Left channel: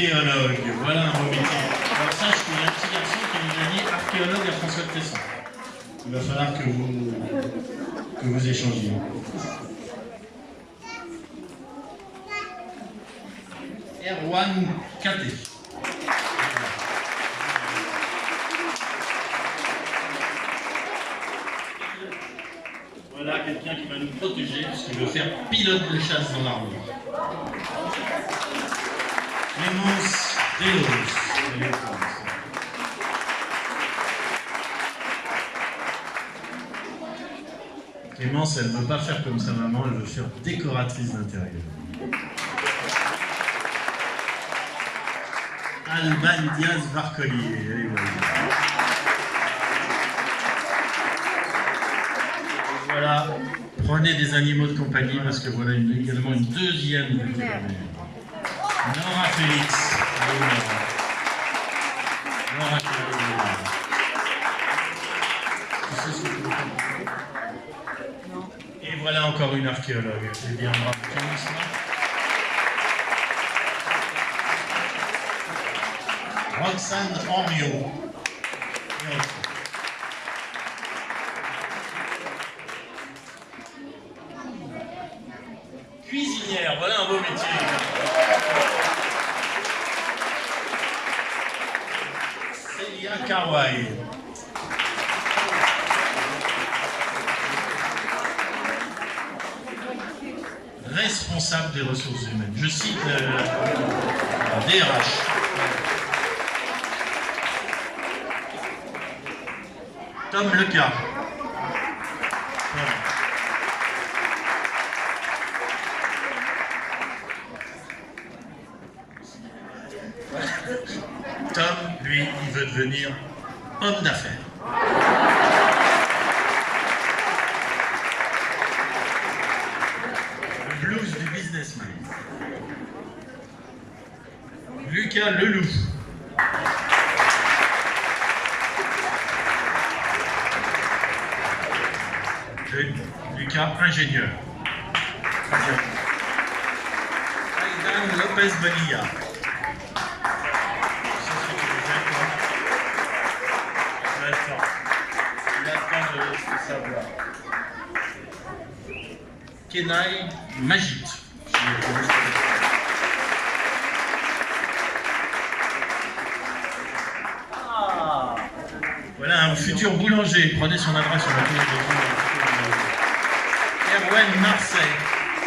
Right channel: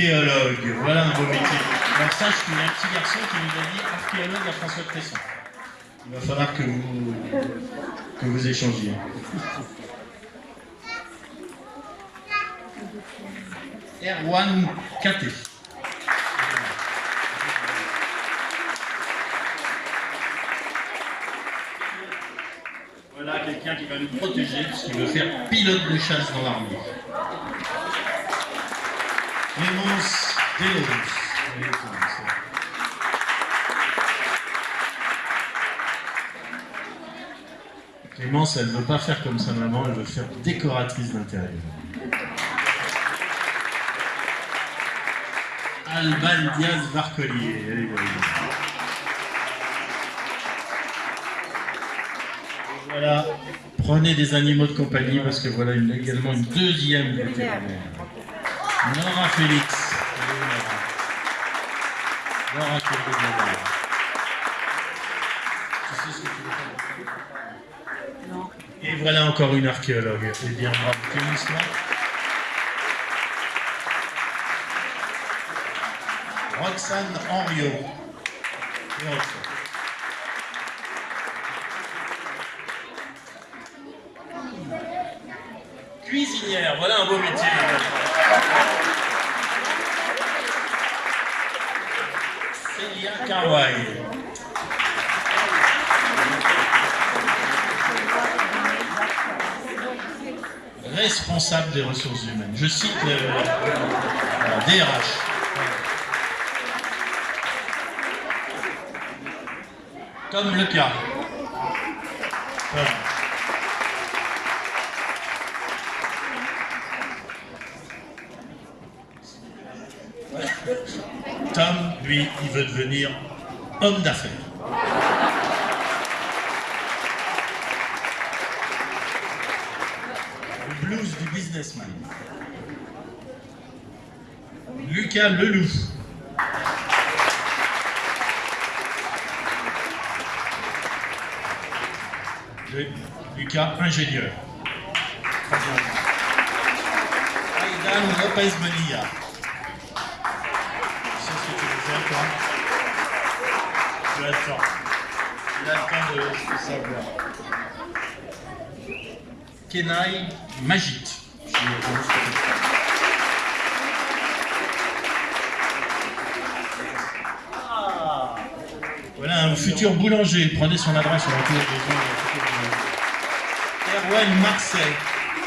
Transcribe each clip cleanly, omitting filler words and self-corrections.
archéologue. Voilà un beau métier. Alors sache qu'il y a un petit garçon qui nous a dit archéologue à François de Tesson. Il va falloir que vous échangiez. Erwan Katé. Voilà quelqu'un qui va nous protéger puisqu'il veut faire pilote de chasse dans l'armée. Clémence Deos. Clémence, elle ne veut pas faire comme sa maman, elle veut faire décoratrice d'intérieur. Alban Diaz Varcollier. Voilà, prenez des animaux de compagnie parce que voilà également une deuxième vétérinaire. Nora Félix. Nora Félix. Tu sais ce que tu veux faire? Et voilà encore une archéologue. Eh bien, bravo, Clémence, là. Roxane Henriot. Cuisinière, voilà un beau métier. Célia Kawai. Responsable des ressources humaines. Je cite la DRH. Tom Leca. Tom, lui, il veut devenir homme d'affaires. Le blues du businessman. Lucas Leloup. Lucas, ingénieur. Très bien. Aidan Lopez Bonilla. C'est ce que tu veux faire, toi. Tu as le temps. Il a le temps de savoir. Kenai Magit. Voilà un futur boulanger. Prenez son adresse sur le tour de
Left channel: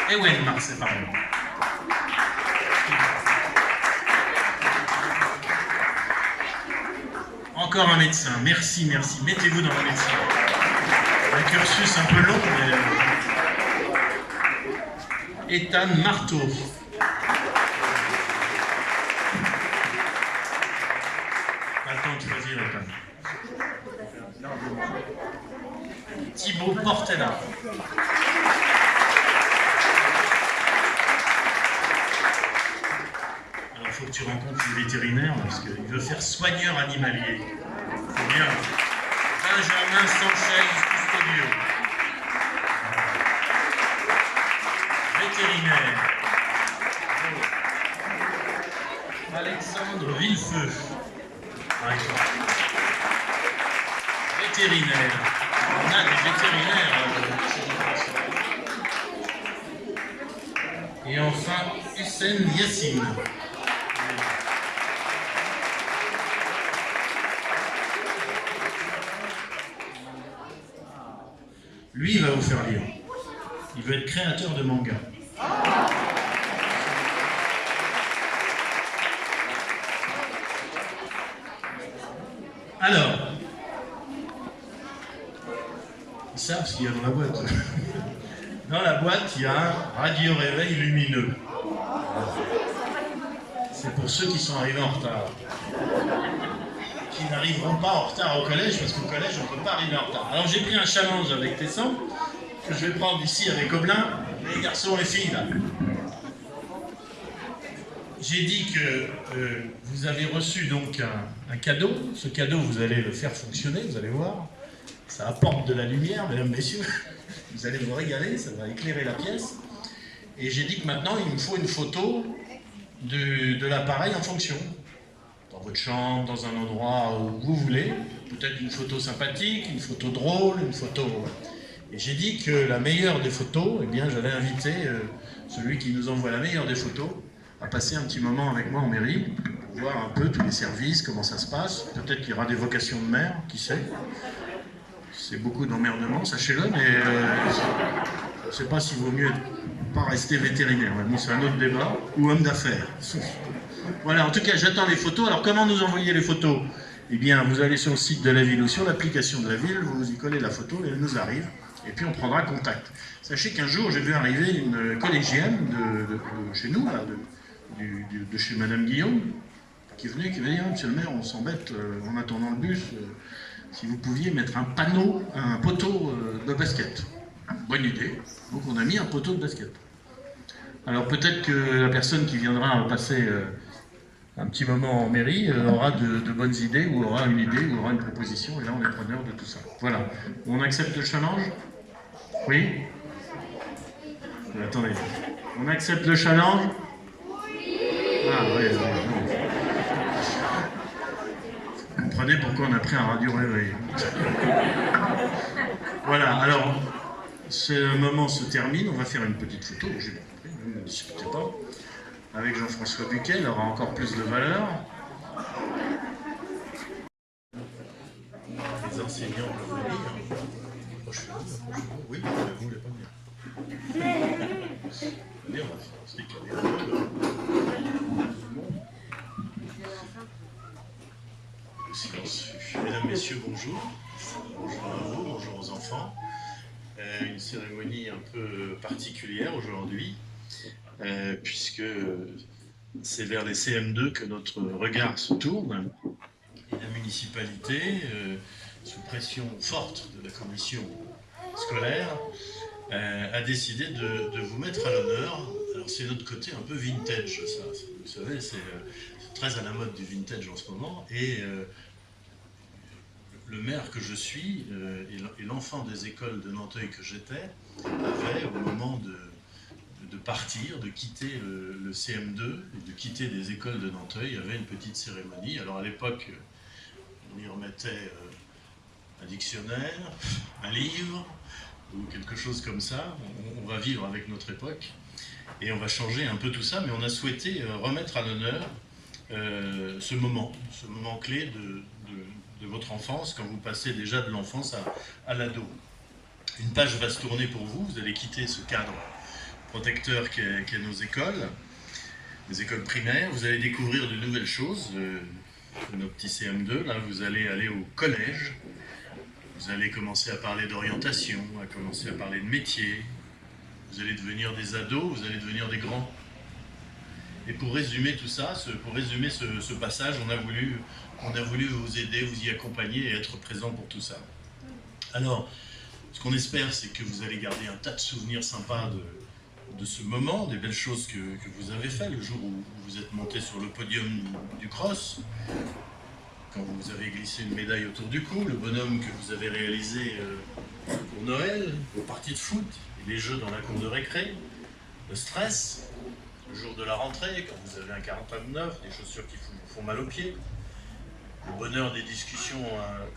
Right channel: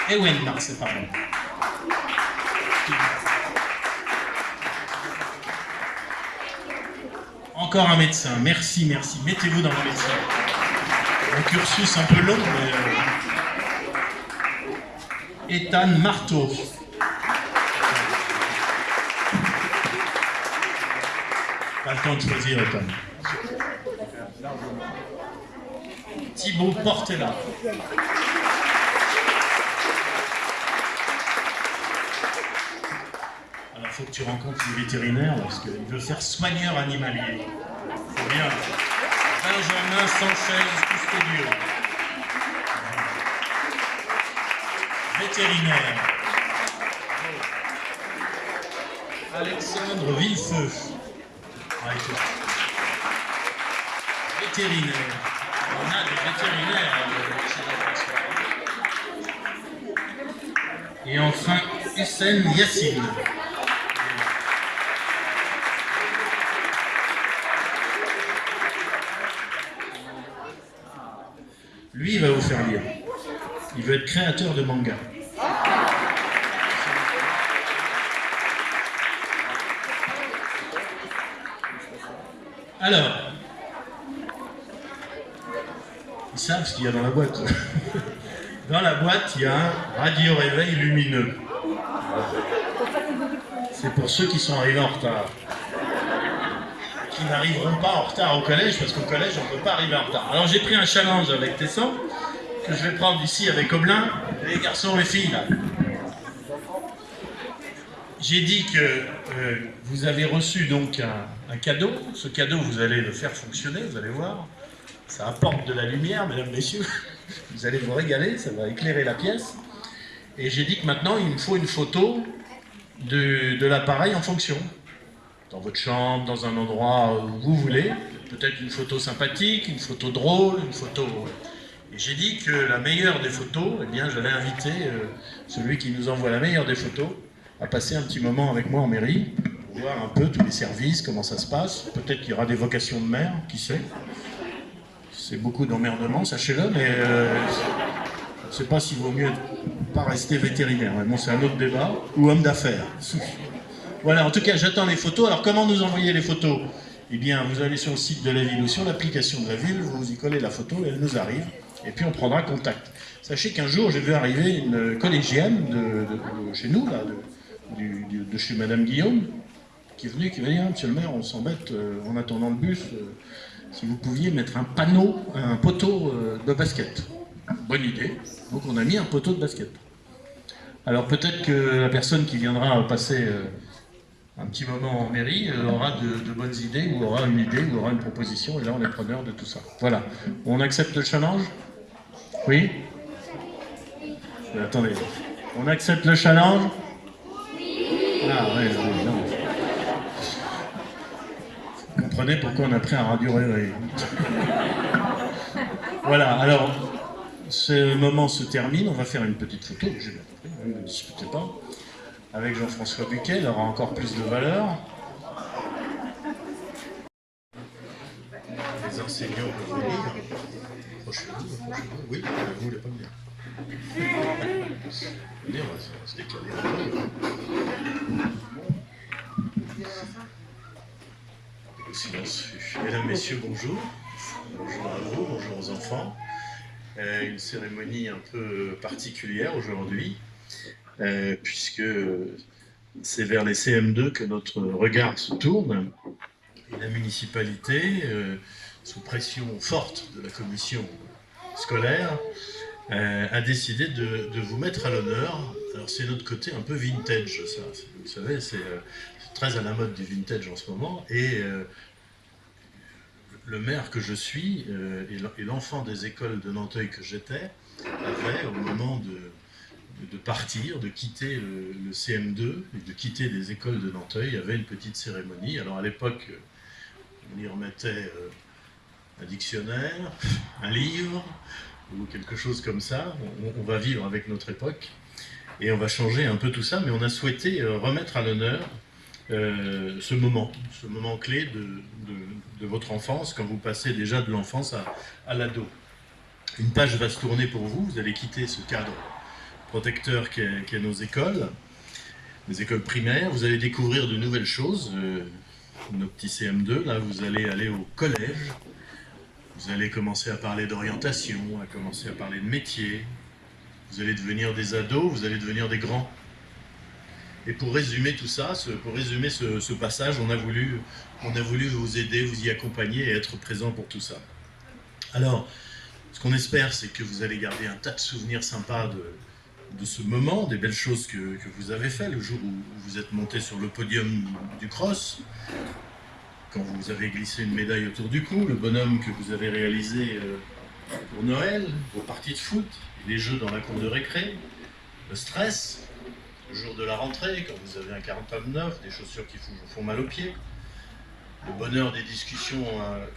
Ewen Marseille, pardon. Encore un médecin, merci, merci. Mettez-vous dans la médecine. Un cursus un peu long, mais... Ethan Marteau. Pas le temps de choisir, Ethan. Thibaut Portela. Alors, il faut que tu rencontres le vétérinaire parce qu'il veut faire soigneur animalier. C'est bien. Benjamin Sanchez Custodio. Vétérinaire. Alexandre Villefeu. Avec toi. Vétérinaire. On a des vétérinaires. Et enfin, Hussein Yassine. Lui, il va vous faire lire. Il veut être créateur de manga. Alors, ils savent ce qu'il y a dans la boîte. Dans la boîte, il y a un radio-réveil lumineux. C'est pour ceux qui sont arrivés en retard. Qui n'arriveront pas en retard au collège, parce qu'au collège, on ne peut pas arriver en retard. Alors j'ai pris un challenge avec Tesson, que je vais prendre ici avec Oblin, les garçons et filles, là. J'ai dit que vous avez reçu donc un cadeau. Ce cadeau, vous allez le faire fonctionner, vous allez voir. Ça apporte de la lumière, mesdames, messieurs. Vous allez vous régaler, ça va éclairer la pièce. Et j'ai dit que maintenant, il me faut une photo de l'appareil en fonction. Dans votre chambre, dans un endroit où vous voulez. Peut-être une photo sympathique, une photo drôle, une photo... Et j'ai dit que la meilleure des photos, eh bien, j'allais inviter celui qui nous envoie la meilleure des photos à passer un petit moment avec moi en mairie pour voir un peu tous les services, comment ça se passe. Peut-être qu'il y aura des vocations de maire, qui sait. C'est beaucoup d'emmerdement, sachez-le, mais je ne sais pas s'il vaut mieux pas rester vétérinaire. Mais bon, c'est un autre débat. Ou homme d'affaires. Voilà, en tout cas, j'attends les photos. Alors, comment nous envoyer les photos? Eh bien, vous allez sur le site de la ville ou sur l'application de la ville, vous y collez la photo et elle nous arrive. Et puis, on prendra contact. Sachez qu'un jour, j'ai vu arriver une collégienne de chez nous, là, de chez Madame Guillaume, qui est venue, qui m'a dit « Monsieur le maire, on s'embête en attendant le bus, si vous pouviez mettre un panneau, un poteau de basket. » Bonne idée. Donc, on a mis un poteau de basket. Alors, peut-être que la personne qui viendra passer... un petit moment en mairie, aura de bonnes idées, ou aura une idée, ou aura une proposition, et là on est preneur de tout ça. Voilà. On accepte le challenge? Oui? Attendez. On accepte le challenge? Ah oui, non. Vous comprenez pourquoi on a pris un radio relais. Voilà, alors, ce moment se termine, on va faire une petite photo, j'ai bien compris, ne discutez pas. Avec Jean-François Buquet, elle aura encore plus de valeur. Les enseignants peuvent venir. Franchement, oui, vous voulez pas venir. Venir, c'est décalé. Le silence. Mesdames, Messieurs, bonjour. Bonjour à vous, bonjour aux enfants. Une cérémonie un peu particulière aujourd'hui. Puisque c'est vers les CM2 que notre regard se tourne. Et la municipalité, sous pression forte de la commission scolaire, a décidé de vous mettre à l'honneur. Alors c'est notre côté un peu vintage, ça. Vous savez, c'est très à la mode du vintage en ce moment. Et le maire que je suis et l'enfant des écoles de Nanteuil que j'étais avait, au moment de partir, de quitter le CM2 et de quitter les écoles de Nanteuil, il y avait une petite cérémonie. Alors à l'époque, on y remettait un dictionnaire, un livre, ou quelque chose comme ça. On va vivre avec notre époque et on va changer un peu tout ça, mais on a souhaité remettre à l'honneur ce moment clé de votre enfance, quand vous passez déjà de l'enfance à l'ado. Une page va se tourner pour vous, vous allez quitter ce cadre protecteur qu'est nos écoles primaires. Vous allez découvrir de nouvelles choses, nos petits CM2, là vous allez aller au collège, vous allez commencer à parler d'orientation, à commencer à parler de métier, vous allez devenir des ados, vous allez devenir des grands. Et pour résumer tout ça, pour résumer ce passage, on a voulu vous aider, vous y accompagner et être présent pour tout ça. Alors, ce qu'on espère, c'est que vous allez garder un tas de souvenirs sympas de ce moment, des belles choses que vous avez fait le jour où vous êtes monté sur le podium du cross, quand vous avez glissé une médaille autour du cou, le bonhomme que vous avez réalisé pour Noël, vos parties de foot, les jeux dans la cour de récré, le stress, le jour de la rentrée, quand vous avez un 49, des chaussures qui vous font mal aux pieds, le bonheur des discussions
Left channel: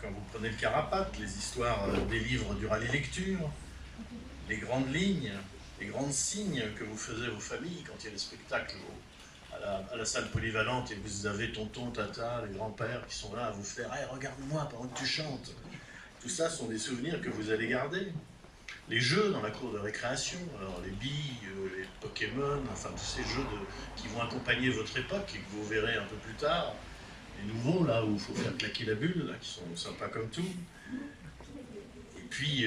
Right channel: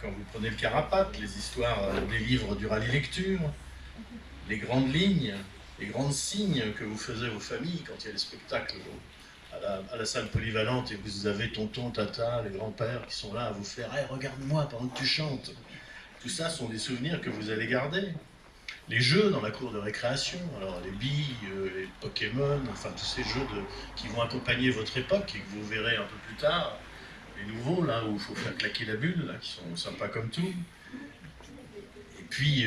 quand vous prenez le Carapace, les histoires des livres du rallye lecture, les grandes lignes, les grands signes que vous faisiez aux familles quand il y a des spectacles à la salle polyvalente et vous avez tonton, tata, les grands-pères qui sont là à vous faire hey, « regarde-moi pendant que tu chantes ». Tout ça sont des souvenirs que vous allez garder. Les jeux dans la cour de récréation, alors les billes, les Pokémon, enfin tous ces jeux qui vont accompagner votre époque et que vous verrez un peu plus tard. Les nouveaux, là où il faut faire claquer la bulle, là, qui sont sympas comme tout. Et puis,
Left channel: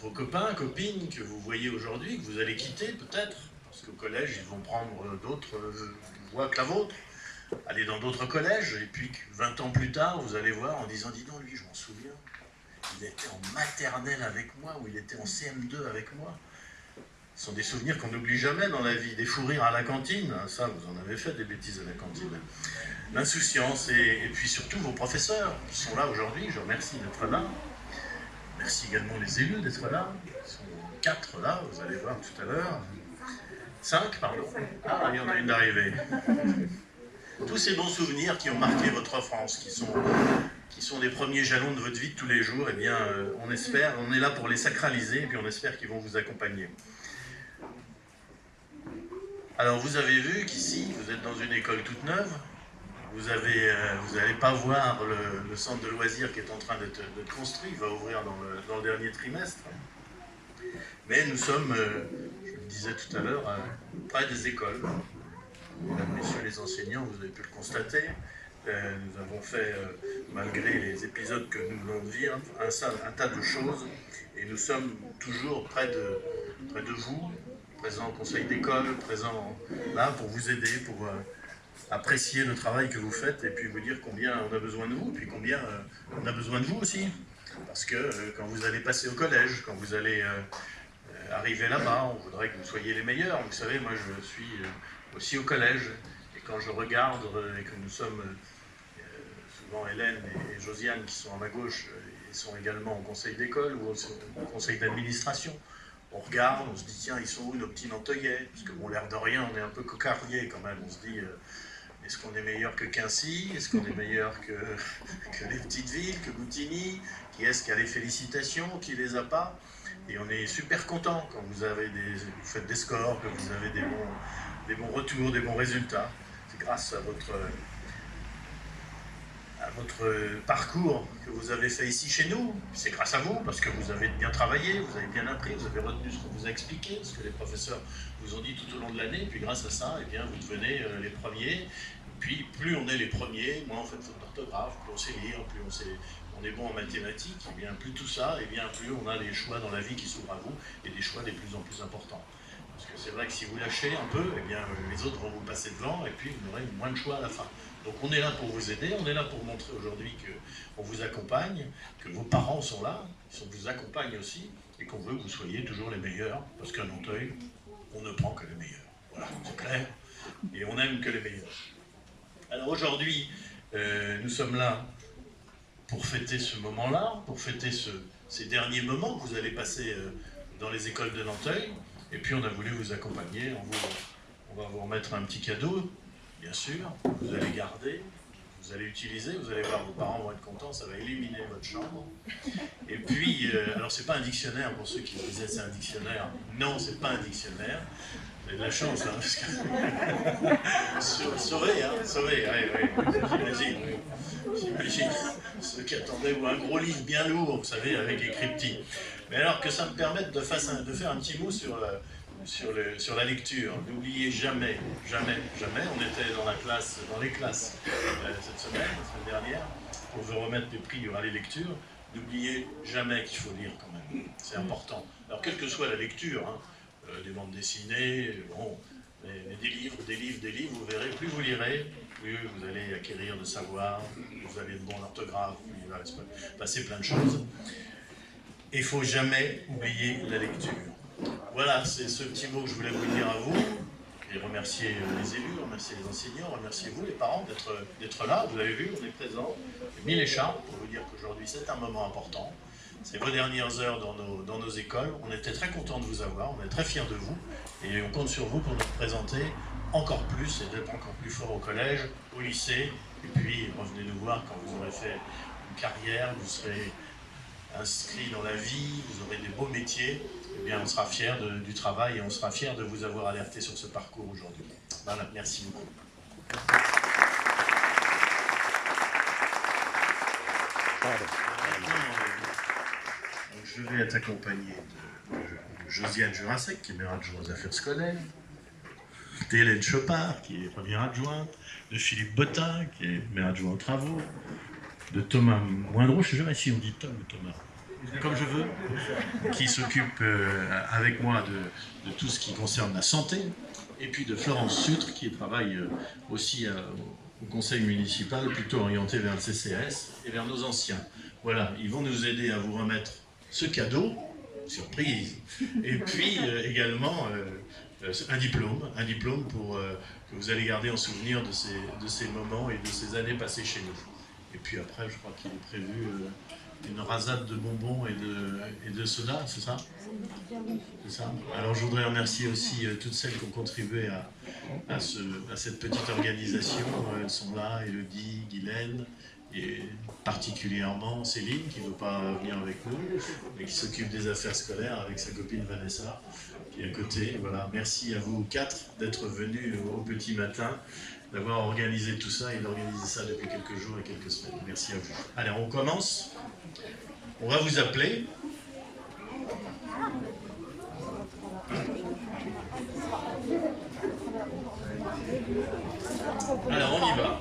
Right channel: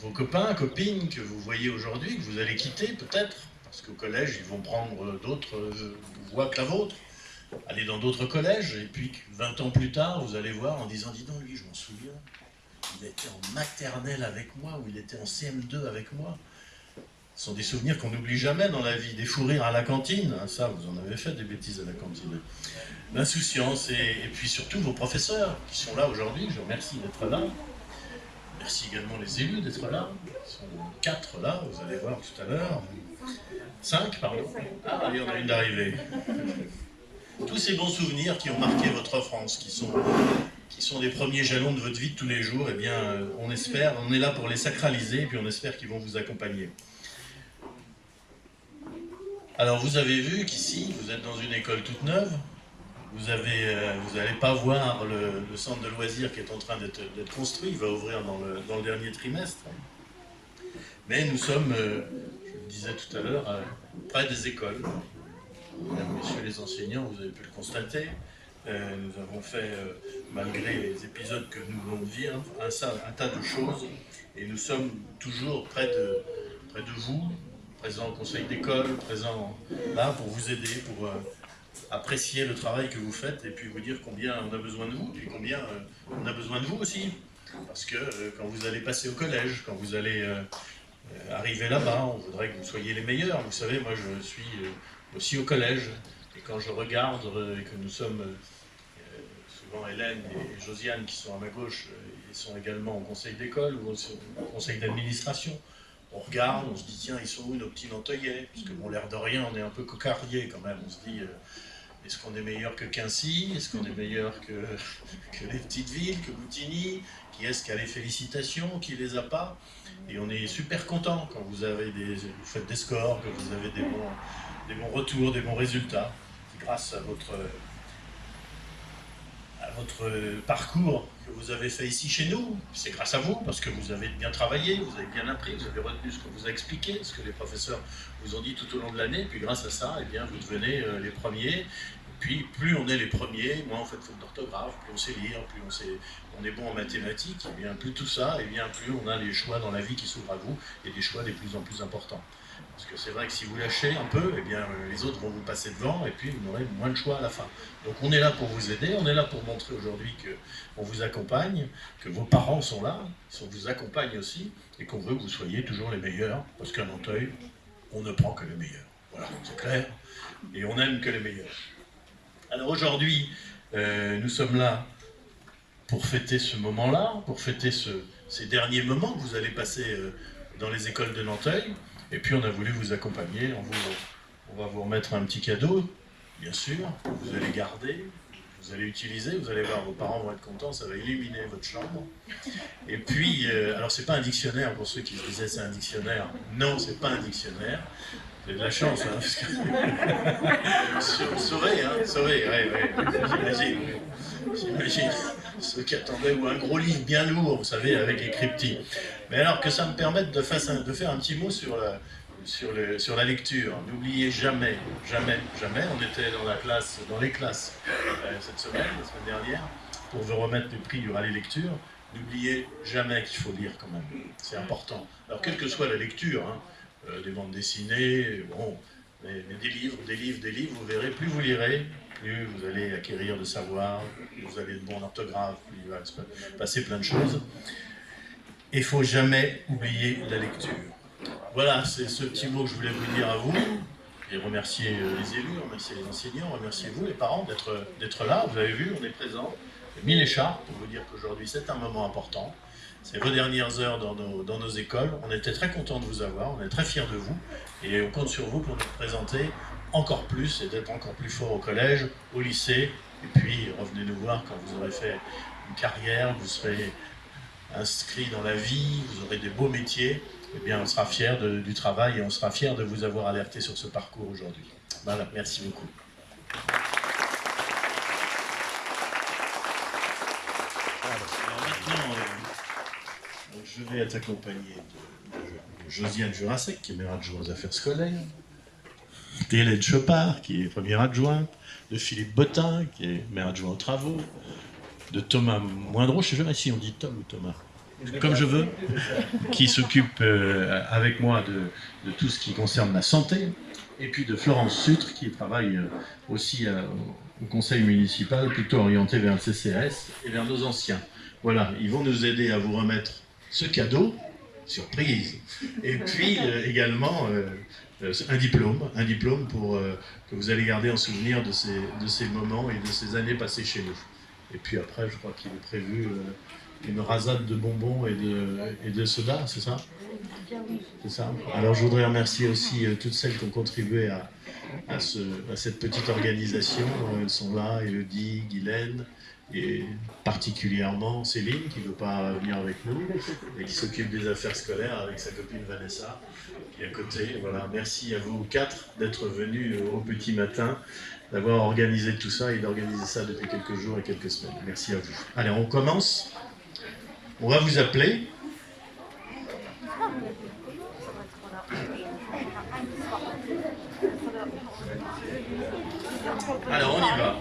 vos copains, copines que vous voyez aujourd'hui, que vous allez quitter peut-être, parce qu'au collège, ils vont prendre d'autres voies que la vôtre, aller dans d'autres collèges, et puis 20 ans plus tard, vous allez voir en disant « dis donc, lui, je m'en souviens, il était en maternelle avec moi, ou il était en CM2 avec moi ». Ce sont des souvenirs qu'on n'oublie jamais dans la vie. Des fous rires à la cantine, ça, vous en avez fait des bêtises à la cantine. L'insouciance, et puis surtout vos professeurs qui sont là aujourd'hui, je vous remercie d'être là. Merci également les élus d'être là. Ils sont 4 là, vous allez voir tout à l'heure. 5, pardon. Ah, il y en a une d'arrivée. Tous ces bons souvenirs qui ont marqué votre France, qui sont les premiers jalons de votre vie de tous les jours, eh bien, on espère, on est là pour les sacraliser, et puis on espère qu'ils vont vous accompagner. Alors, vous avez vu qu'ici, vous êtes dans une école toute neuve. Vous n'allez pas voir le centre de loisirs qui est en train d'être construit, il va ouvrir dans le dernier trimestre. Mais nous sommes, je le disais tout à l'heure, près des écoles. Mesdames, messieurs les enseignants, vous avez pu le constater. Nous avons fait, malgré les épisodes que nous venons de vivre, un tas de choses. Et nous sommes toujours près de vous, présents au conseil d'école, présents là pour vous aider, pour apprécier le travail que vous faites et puis vous dire combien on a besoin de vous, puis combien on a besoin de vous aussi. Parce que quand vous allez passer au collège, quand vous allez arriver là-bas, on voudrait que vous soyez les meilleurs. Vous savez, moi je suis aussi au collège, et quand je regarde et que nous sommes souvent Hélène et Josiane qui sont à ma gauche, ils sont également au conseil d'école ou au conseil d'administration, on regarde, on se dit tiens, ils sont où nos petits Nanteuillais? Parce que bon, l'air de rien, on est un peu cocardier quand même, on se dit est-ce qu'on est meilleur que Quincy? Est-ce qu'on est meilleur que les petites villes, que Boutigny? Qui est-ce qui a les félicitations? Qui les a pas? Et on est super content quand vous faites des scores, que vous avez des bons retours, des bons résultats. C'est grâce à votre parcours que vous avez fait ici chez nous. C'est grâce à vous, parce que vous avez bien travaillé, vous avez bien appris, vous avez retenu ce qu'on vous a expliqué, ce que les professeurs vous ont dit tout au long de l'année, puis grâce à ça, eh bien, vous devenez les premiers. Et puis plus on est les premiers, moins on fait de fautes d'orthographe, plus on sait lire, plus on est bon en mathématiques, et bien plus tout ça, et bien plus on a des choix dans la vie qui s'ouvrent à vous, et des choix de plus en plus importants. Parce que c'est vrai que si vous lâchez un peu, eh bien, les autres vont vous passer devant et puis vous aurez moins de choix à la fin. Donc on est là pour vous aider, on est là pour montrer aujourd'hui qu'on vous accompagne, que vos parents sont là, qu'on vous accompagne aussi, et qu'on veut que vous soyez toujours les meilleurs, parce qu'à Nanteuil, on ne prend que les meilleurs. Voilà, c'est clair, et on n'aime que les meilleurs. Alors aujourd'hui, nous sommes là pour fêter ce moment-là, pour fêter ces derniers moments que vous allez passer dans les écoles de Nanteuil. Et puis on a voulu vous accompagner, on va vous remettre un petit cadeau, bien sûr, vous allez garder, vous allez utiliser, vous allez voir, vos parents vont être contents, ça va illuminer votre chambre. Et puis, alors c'est pas un dictionnaire, pour ceux qui se disaient c'est un dictionnaire, non, c'est pas un dictionnaire, vous avez de la chance, hein, parce que... Sauvé, j'imagine, ceux qui attendaient, ou un gros livre bien lourd, vous savez, avec écrit petit. Mais alors que ça me permette de faire un petit mot sur la lecture. N'oubliez jamais, on était dans les classes cette semaine, la semaine dernière, pour vous remettre les prix, il y aura les lectures. N'oubliez jamais qu'il faut lire quand même, c'est important. Alors quelle que soit la lecture, hein, des bandes dessinées, bon, mais des livres, vous verrez, plus vous lirez, plus vous allez acquérir de savoir, vous avez de bons orthographes, il va se passer plein de choses. Il ne faut jamais oublier la lecture. Voilà, c'est ce petit mot que je voulais vous dire à vous. Et remercier les élus, remercier les enseignants, remercier vous, les parents, d'être là. Vous avez vu, on est présents. J'ai mis l'écharpe pour vous dire qu'aujourd'hui, c'est un moment important. C'est vos dernières heures dans nos écoles. On était très contents de vous avoir, on est très fiers de vous. Et on compte sur vous pour nous présenter encore plus et d'être encore plus fort au collège, au lycée. Et puis, revenez nous voir quand vous aurez fait une carrière, vous serez inscrit dans la vie, vous aurez des beaux métiers, eh bien on sera fiers du travail et on sera fiers de vous avoir alerté sur ce parcours aujourd'hui. Voilà, merci beaucoup. Maintenant, je vais être accompagné de Josiane Jurassec, qui est maire adjoint aux affaires scolaires, d'Hélène Chopard, qui est première adjointe, de Philippe Bottin, qui est maire adjoint aux travaux, de Thomas Moindreau, je ne sais jamais si on dit Tom ou Thomas, comme je veux, qui s'occupe avec moi de tout ce qui concerne la santé, et puis de Florence Sutre, qui travaille aussi au conseil municipal, plutôt orienté vers le CCAS et vers nos anciens. Voilà, ils vont nous aider à vous remettre ce cadeau, surprise, et puis également un diplôme pour, que vous allez garder en souvenir de ces moments et de ces années passées chez nous. Et puis après, je crois qu'il est prévu une rasade de bonbons et de soda, c'est ça? C'est ça. Alors je voudrais remercier aussi toutes celles qui ont contribué à cette petite organisation. Elles sont là, Elodie, Guylaine, et particulièrement Céline, qui ne veut pas venir avec nous, et qui s'occupe des affaires scolaires avec sa copine Vanessa, qui est à côté. Voilà, merci à vous quatre d'être venus au petit matin, d'avoir organisé tout ça et d'organiser ça depuis quelques jours et quelques semaines. Merci à vous. Allez, on commence. On va vous appeler. Alors, on y va.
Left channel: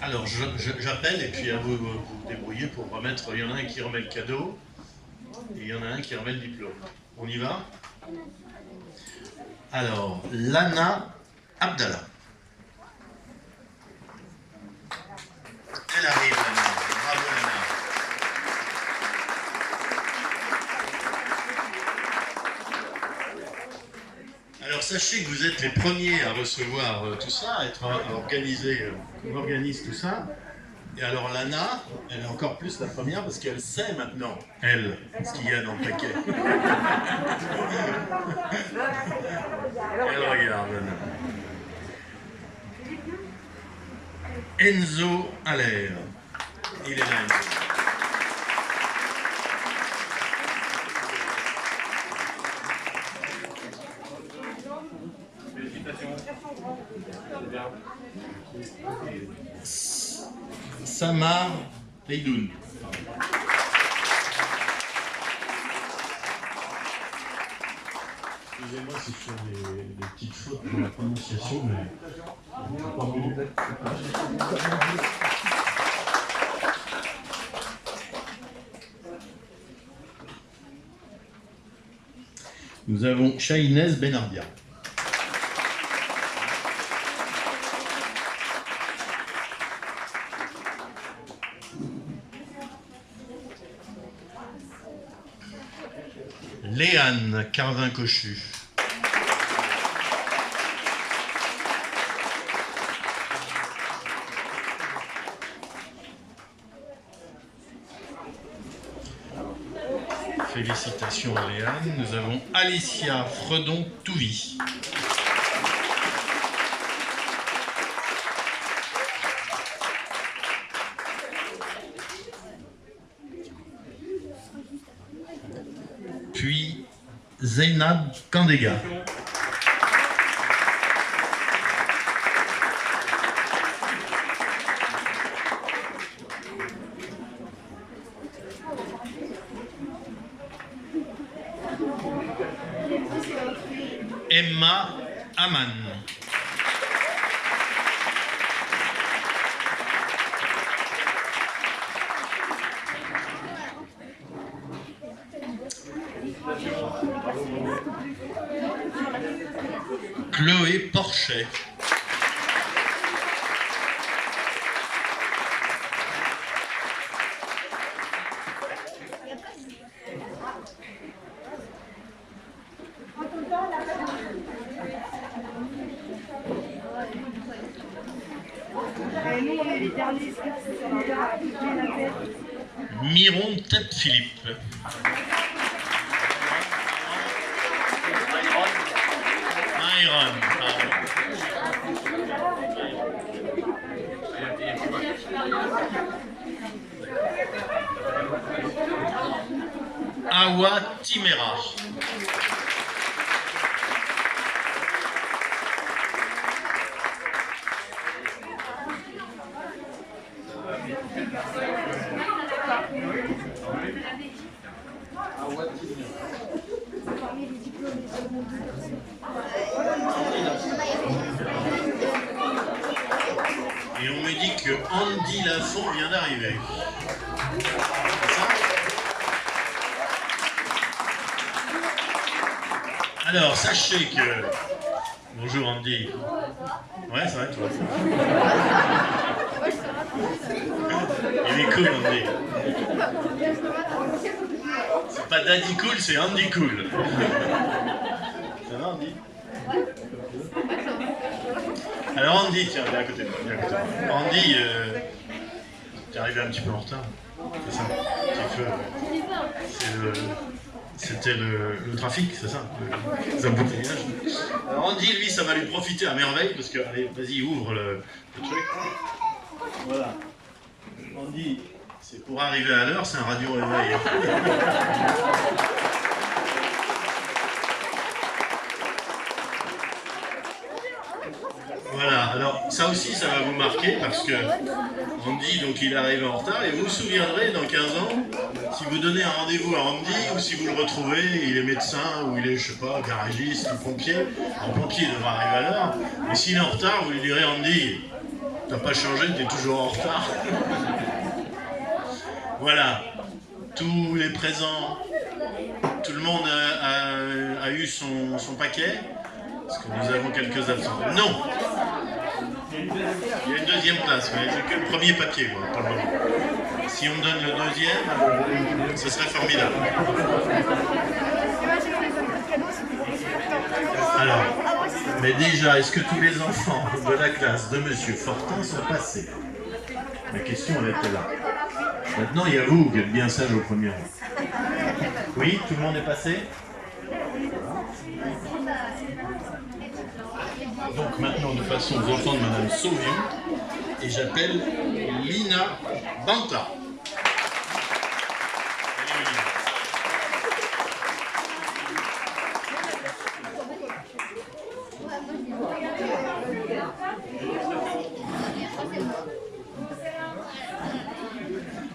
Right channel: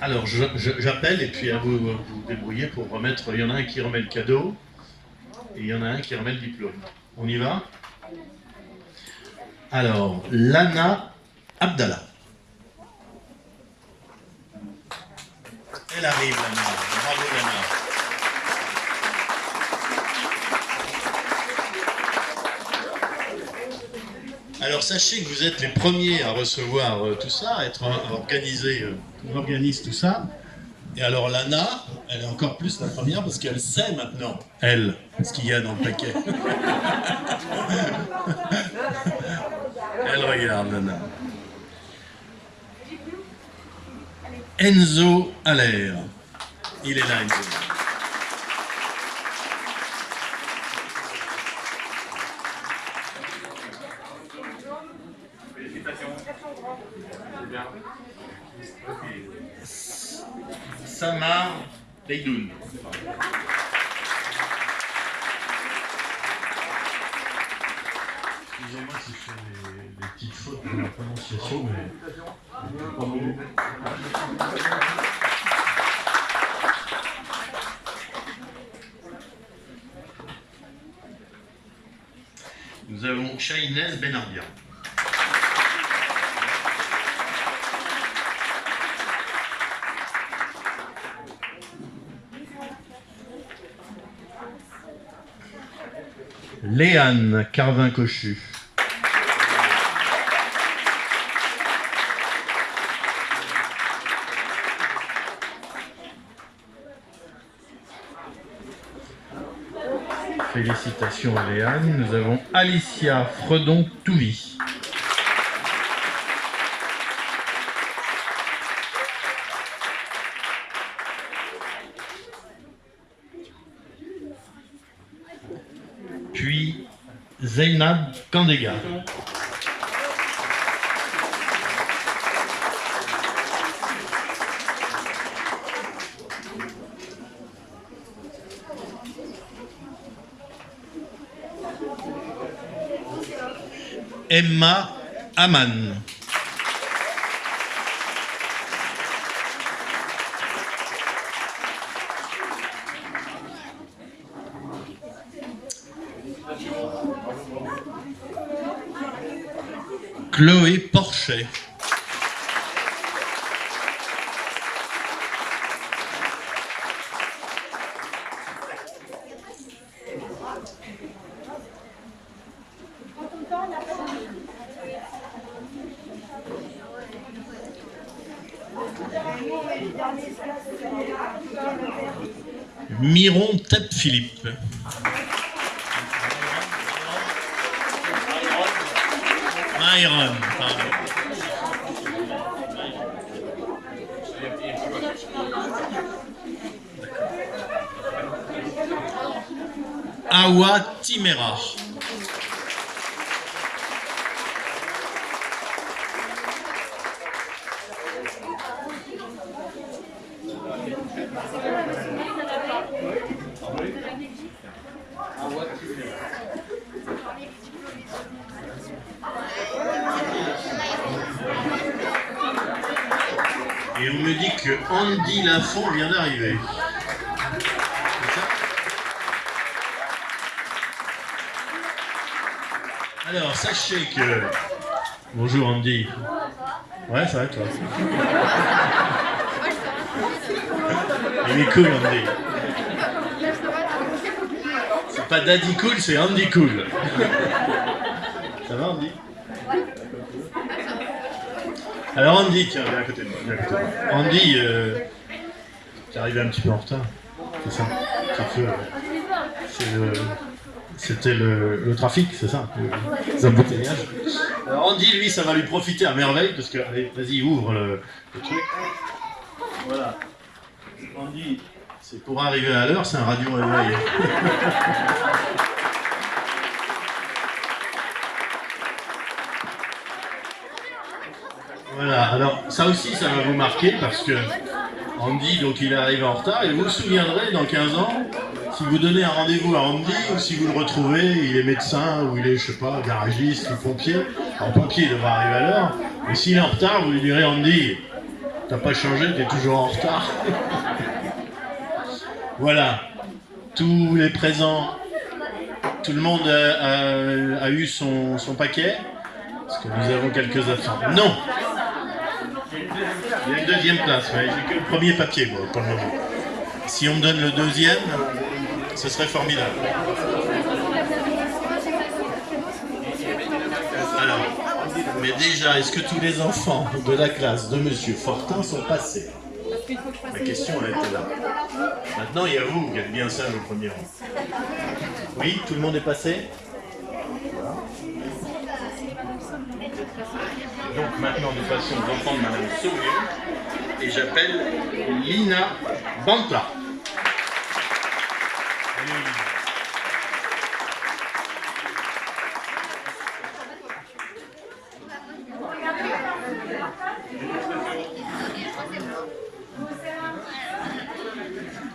Alors, j'appelle et puis à vous vous débrouiller pour remettre. Il y en a un qui remet le cadeau et il y en a un qui remet le diplôme. On y va? Alors, Lana Abdallah. Elle arrive, Lana. Bravo, Lana. Alors sachez que vous êtes les premiers à recevoir tout ça, à être organisé, qu'on organise tout ça. Et alors Lana, elle est encore plus la première parce qu'elle sait maintenant, elle, ce qu'il y a dans le paquet. Elle regarde Lana. Enzo Aller. Il est là, Enzo. Samar Leidoun. Excusez-moi si ce sont des petites fautes dans la prononciation, mais... Nous avons Chahinez Benarbia. Léane Carvin-Cochu. Félicitations à Léane. Nous avons Alicia Fredon-Touvi. Puis Zeynab Kandega. Emma Aman. Chloé Porchet. Miron Tête-Philippe. Myron, pardon. Awa Timera. Et on me dit que Andy Lafont vient d'arriver. Alors, sachez que... Bonjour Andy. Ouais, ça va toi. Il est cool Andy. C'est pas Daddy Cool, c'est Andy Cool. Ça va Andy? Alors Andy, tiens, viens à côté de moi. Viens à côté de moi. Andy, t'es arrivé un petit peu en retard. C'est ça. C'était le trafic, c'est ça, les embouteillages. Alors Andy, lui, ça va lui profiter à merveille, parce que, allez, vas-y, ouvre le truc. Voilà. Andy, c'est pour arriver à l'heure, c'est un radio réveil. Voilà, alors ça aussi, ça va vous marquer, parce que Andy, donc il arrive en retard, et vous vous souviendrez dans 15 ans, si vous donnez un rendez-vous à Andy, ou si vous le retrouvez, il est médecin, ou il est, je sais pas, garagiste, ou pompier. Alors pompier, il devra arriver à l'heure, mais s'il est en retard, vous lui direz, Andy, t'as pas changé, t'es toujours en retard. Voilà, tous les présents, tout le monde a eu son paquet, parce que nous avons quelques absents. Non! Il y a une deuxième place, mais c'est que le premier papier, quoi, pour le moment. Si on me donne le deuxième, ce serait formidable. Alors, mais déjà, est-ce que tous les enfants de la classe de Monsieur Fortin sont passés? La question, elle était là. Maintenant, il y a vous qui êtes bien sage au premier rang. Oui, tout le monde est passé? Donc maintenant, nous passons aux enfants de Madame Sauvignon et j'appelle Lina Banta.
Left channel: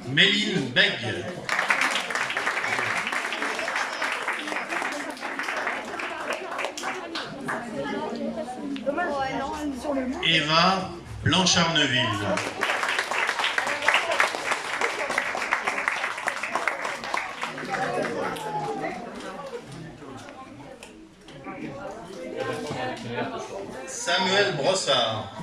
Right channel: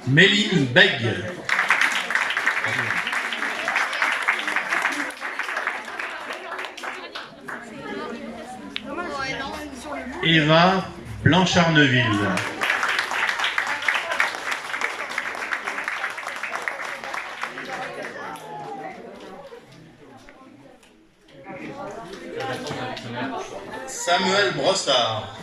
Méline Beg. Eva Blanchardneville. Samuel Brossard.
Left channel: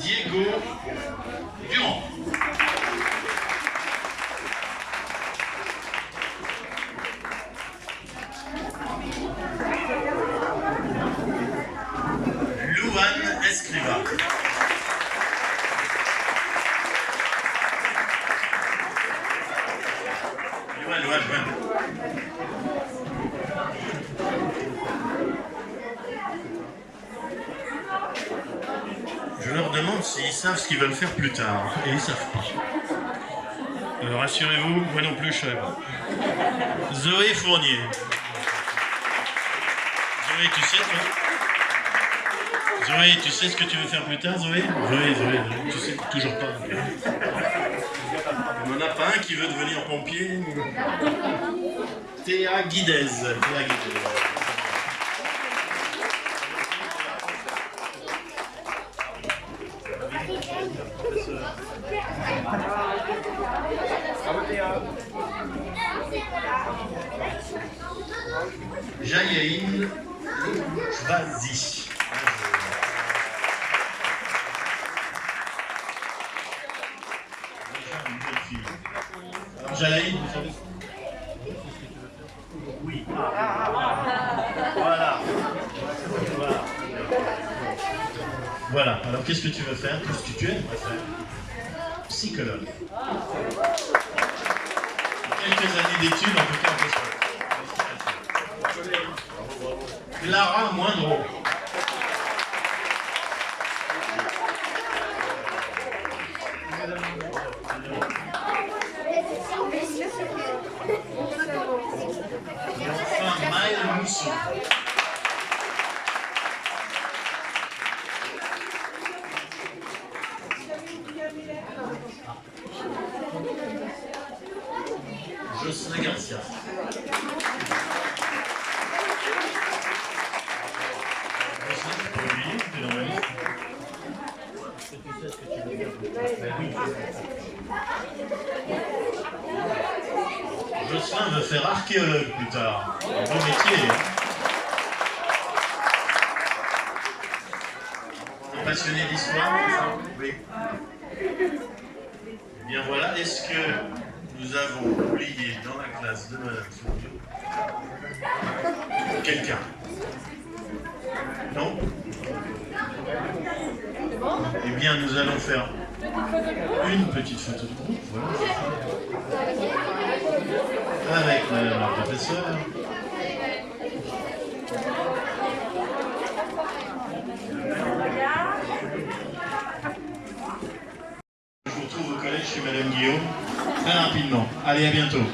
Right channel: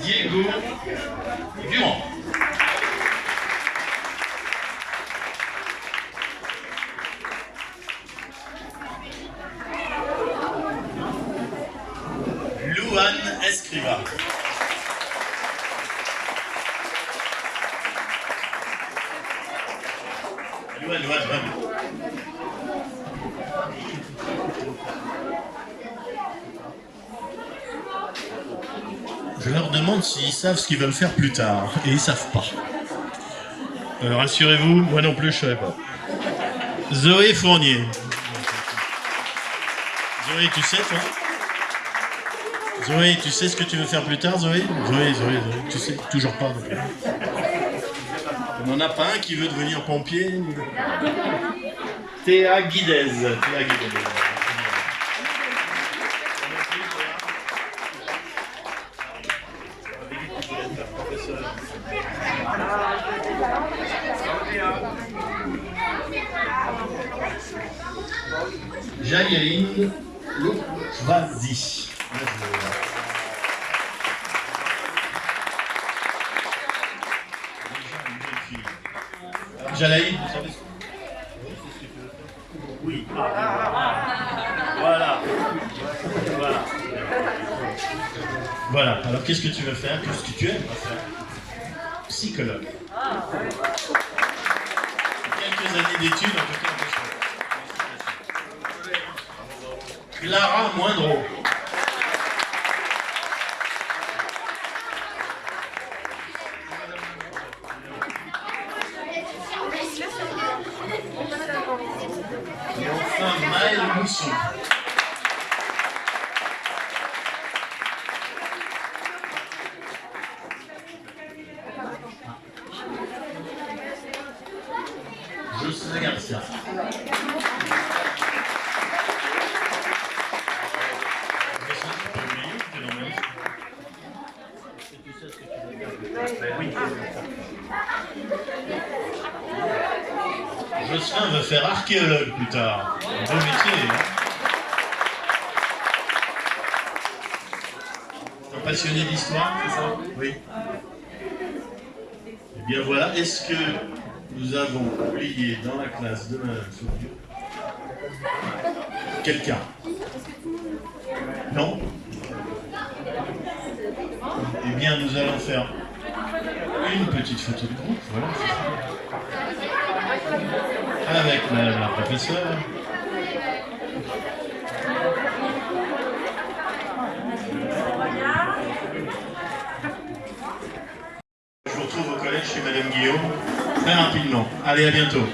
Diego Durand. Louane Escriva. Louane. Je leur demande s'ils savent ce qu'ils veulent faire plus tard, et ils savent pas. Rassurez-vous, moi non plus je ne savais pas. Zoé Fournier. Zoé, tu sais toi? Zoé, tu sais ce que tu veux faire plus tard, Zoé? Zoé, tu sais toujours pas. Donc. On n'en a pas un qui veut devenir pompier? Théa Guidez. Jaïeline Chvazi. Jalaïd, vous savez ce que tu veux faire? Oui. Voilà. Alors qu'est-ce que tu veux faire? Qu'est-ce que tu aimes faire? Psychologue. Quelques années d'études, en tout cas, on peut faire. Clara Moindreau. Et enfin, Maëlle Mousson. Jocelyn Garcia. Jocelyn veut faire archéologue plus tard. Un beau métier. Hein. T'es passionné d'histoire, c'est ça? Oui. Eh bien voilà, est-ce que nous avons oublié dans la classe de Madame Soubio quelqu'un? Non? Eh bien, nous allons faire une petite photo de groupe, voilà. Avec Madame la professeure. Je vous retrouve au collège chez Madame Guillaume, très rapidement. Allez, à bientôt.